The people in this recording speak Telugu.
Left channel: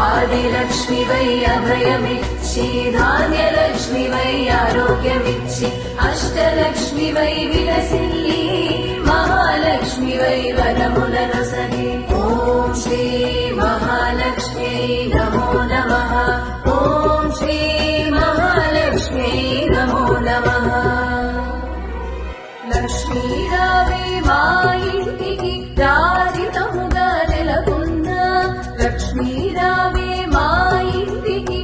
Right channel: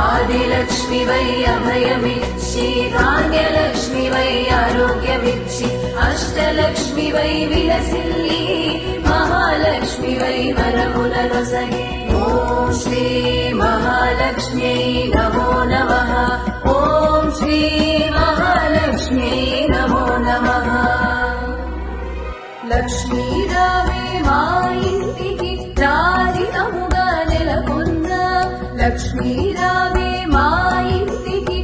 ఆదిలక్ష్మి వై అభయమిచ్చి ధాన్యలక్ష్మి వై ఆరోగ్యమిచ్చి అష్టలక్ష్మి వై విలసిల్లి మహాలక్ష్మి వై వరములనొసగే ఓం శ్రీ మహాలక్ష్మ్యై నమో నమః ఓం శ్రీ మహాలక్ష్మ్యై నమో నమః లక్ష్మీ రావే మా ఇంటికి రాజితముగా నెలకొన్న లక్ష్మీ రావే మా ఇంటికి